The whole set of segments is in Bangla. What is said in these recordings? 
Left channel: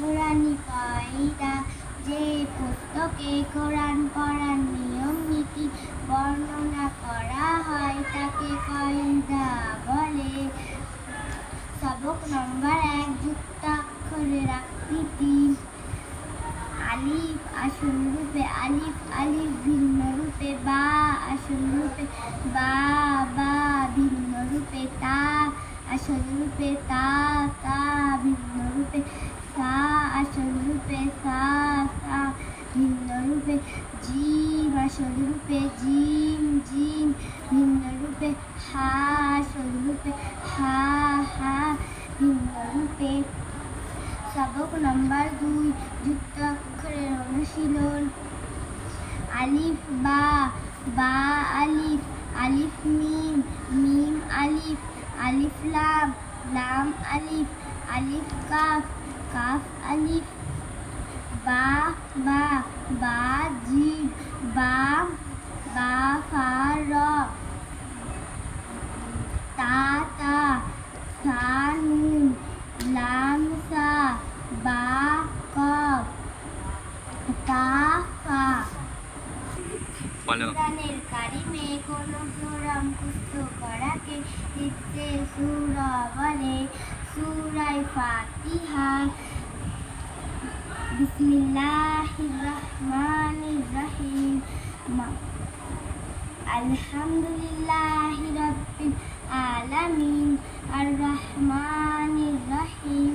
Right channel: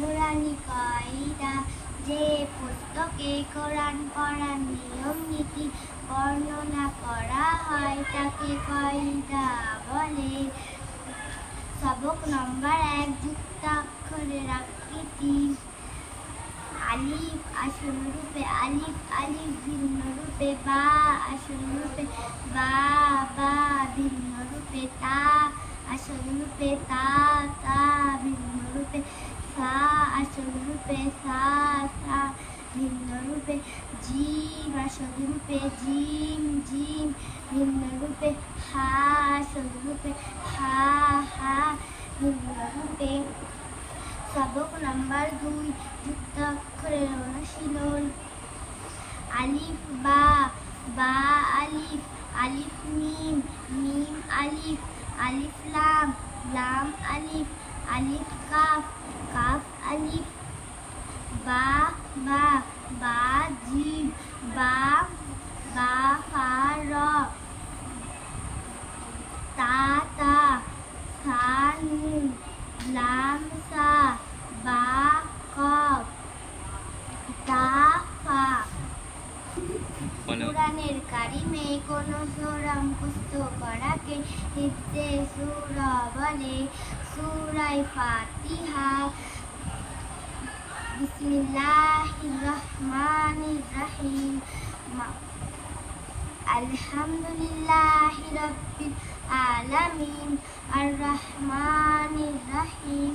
নুরানি কায়দা, যে পুস্তকে কোরআন পড়ার নিয়ম নীতি বর্ণনা করা হয় তাকে কায়দা বলে। সবক নম্বর 1, যুক্তাক্ষরের আকৃতি। আলিফ আসল রূপে আলিফ, আলিফ ভিন্ন রূপে বা, আসল রূপে বা, বা ভিন্ন রূপে তা, আসল রূপে তা, তা ভিন্ন রূপে সা, আসল রূপে সা, সা ভিন্ন রূপে জিম, আসল রূপে জিম, জিম ভিন্ন রূপে হা, আসল রূপে হা, হা ভিন্ন রূপে। সবক নম্বর 2, যুক্তাক্ষরের অনুশীলন। আলিফ বা, বা আলিফ, আলিফ মিম, মিম আলিফ, আলিফ লাম, লাম আলিফ, আলিফ কাফ, কাফ আলিফ। বা, বা, বা জিম, বা, বা ফা র, তা, তা সা নুন, লাম সা, বা কফ, তা ফা। কুরআনের কারিমে কোন সূরা মুখস্থ করাকে হিফজে সূরা বলে। সূরা ফাতিহা। বিসমিল্লাহির রহমানির রহিম। আলহামদুলিল্লাহি রাব্বিল আলামিন, আর রহমানির রহিম,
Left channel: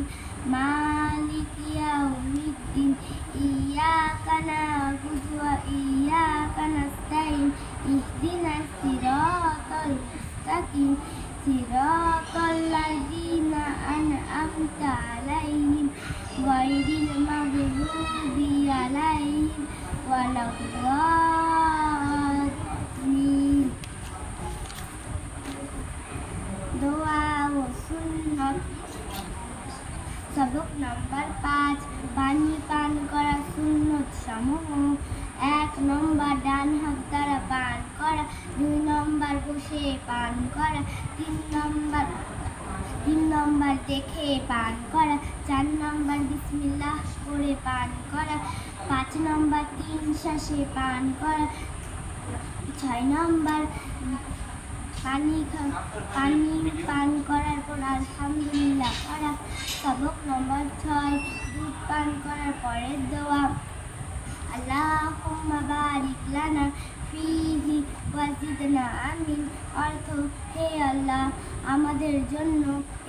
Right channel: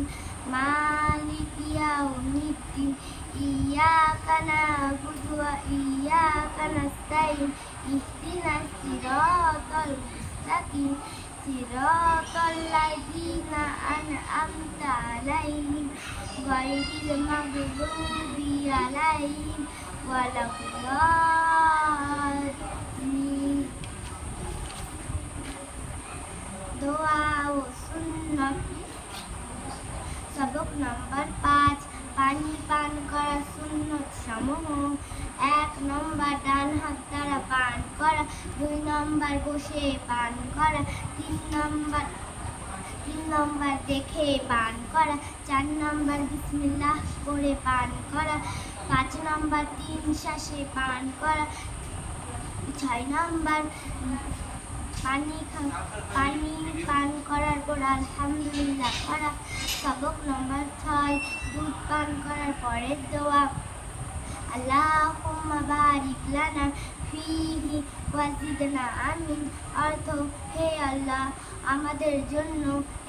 মালিকি ইয়াউমিদ্দিন, ইয়াকা না'বুদু ওয়া ইয়াকা নাস্তাইন, ইহদিনাস সিরাতাল মুস্তাকিম, সিরাতাল লাযিনা আন'আমতা আলাইহিম, গায়রিল মাগদুবি আলাইহিম ওয়ালাদ-দাল্লিন। দোয়া ও সুন্নাত। সবক নম্বর 5, পানি পান করা সুন্নত সমূহ। 1 নম্বর, ডান হাত দ্বারা পান করা। 2 নম্বর, বসে পান করা। 3 নম্বর, দেখে পান করা। 4 নম্বর, বিসমিল্লাহ পড়ে পান করা। 5 নম্বর, 3 শ্বাসে পান করা। 6 নম্বর, পানি পান করার পর আলহামদুলিল্লাহ করা। সবক নম্বর 6, দুধ পান করার পরের দোয়া। আল্লাহুম্মা বারিক লানা ফীহি ওয়া জিদনা। আমিন। অর্থ, হে আল্লাহ, আমাদের জন্য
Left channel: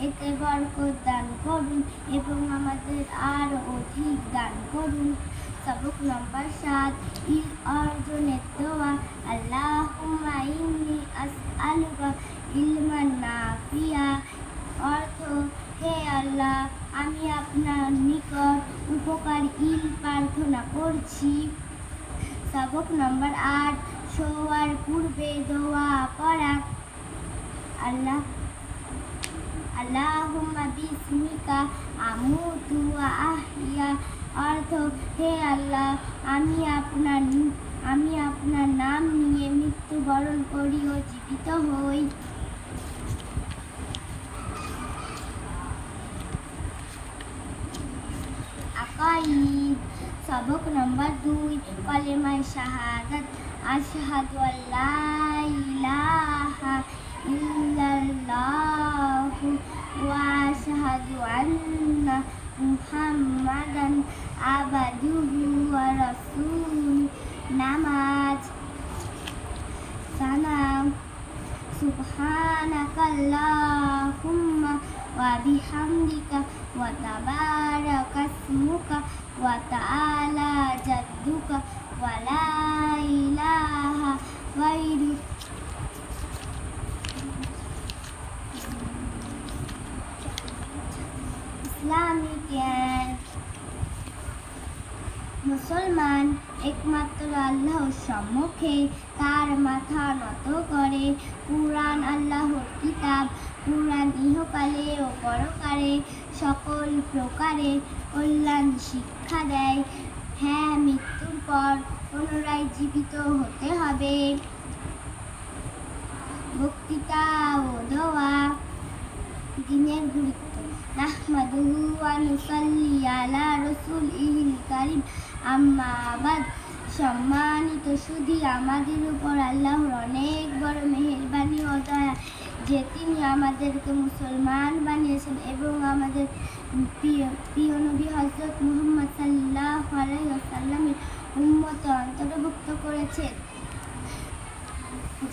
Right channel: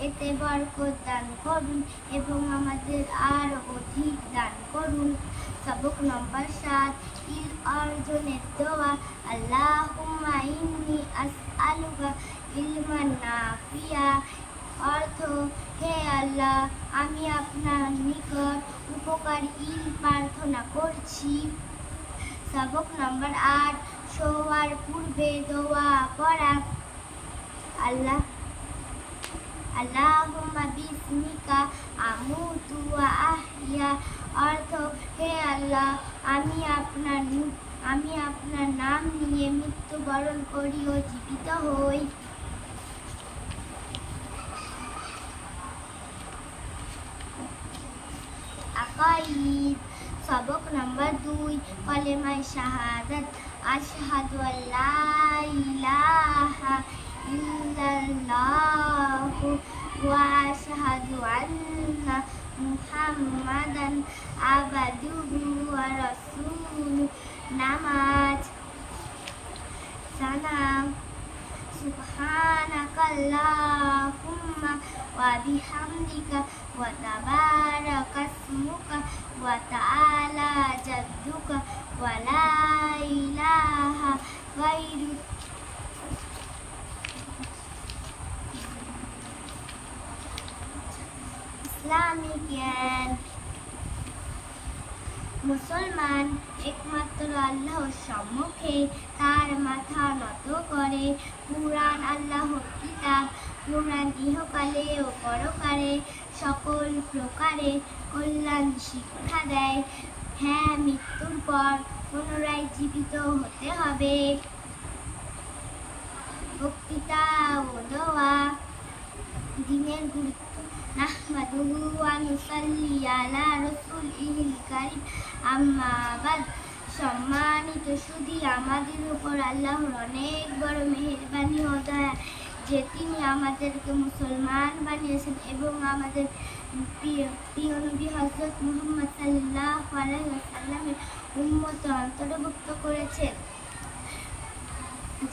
এতে বরকত দান করুন এবং আমাদের আরো অধিক দান করুন। সবক নম্বর 7, ইলম অর্জনের দোয়া। আল্লাহুম্মা ইন্নী আসআলুকা ইলমান নাফিয়া। অর্থ, হে আল্লাহ, আমি আপনার নিকট উপকারী ইলম প্রার্থনা করছি। সবক নম্বর 8, শোয়ার পূর্বে দোয়া পড়া। আল্লাহুম্মা বিসমিকা আমুতু ওয়া আহইয়া। অর্থ, হে আল্লাহ, আমি আপনার নাম নিয়ে মৃত্যুবরণ করি ও জীবিত হই। আকাইদ। সবক নম্বর 2, কলেমায়ে শাহাদাত। আশহাদু আল্লা ইলাহা ইল্লাল্লাহু ওয়া আশহাদু আন্না মুহাম্মাদান আবদুহু ওয়া রাসূলুহু। নামাজ। সালাম। সুবহানাকাল্লাহুম্মা ওয়া বিহামদিকা ওয়া তাবারাকা ইসমুকা ওয়া তাআলা জাদ্দুকা ওয়া লা ইলাহা গায়রুক। ইসলামিক জ্ঞান। মুসলমান একমাত্র আল্লাহর সম্মুখে তার মাথা নত করে। কুরআন আল্লাহর কিতাব। কুরআন ইহকালে ও পরকালে সকল প্রকারে কল্যাণ শিক্ষা দেয়। হ্যাঁ, মৃত্যুর পর পুনরায় জীবিত হতে হবে। বক্তৃতা ও দোয়া। দিনের গুরুত্ব। নাহমাদুহু ওয়া নুসাল্লি আলা রাসূলিল কারীম আম্মা বাদ। সম্মানিত সুধী, আমাদের উপর আল্লাহর অনেক বড় মেহেরবানি ও দয়া যে তিনি আমাদেরকে মুসলমান বানিয়েছেন এবং আমাদের প্রিয় নবী হযরত মুহাম্মদ সাল্লাল্লাহু আলাইহি ওয়াসাল্লামের উম্মত অন্তর্ভুক্ত করেছেন,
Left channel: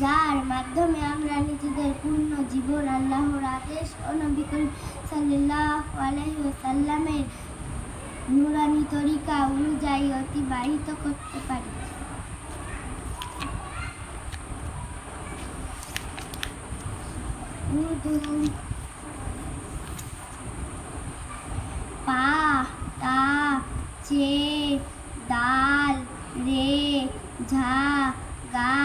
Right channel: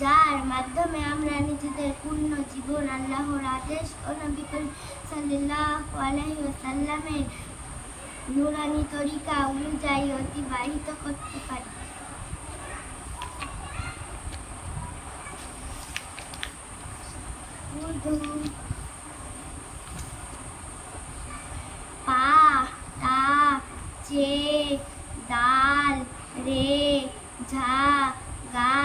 যার মাধ্যমে আমরা নিজেদের পূর্ণ জীবন আল্লাহর আদেশ ও নবী করিম সাল্লাল্লাহু আলাইহি ওয়াসাল্লামের নূরানী তরিকা অনুযায়ী অতিবাহিত করতে পারি। উর্দু পা তা চে দাল রে ঝা গা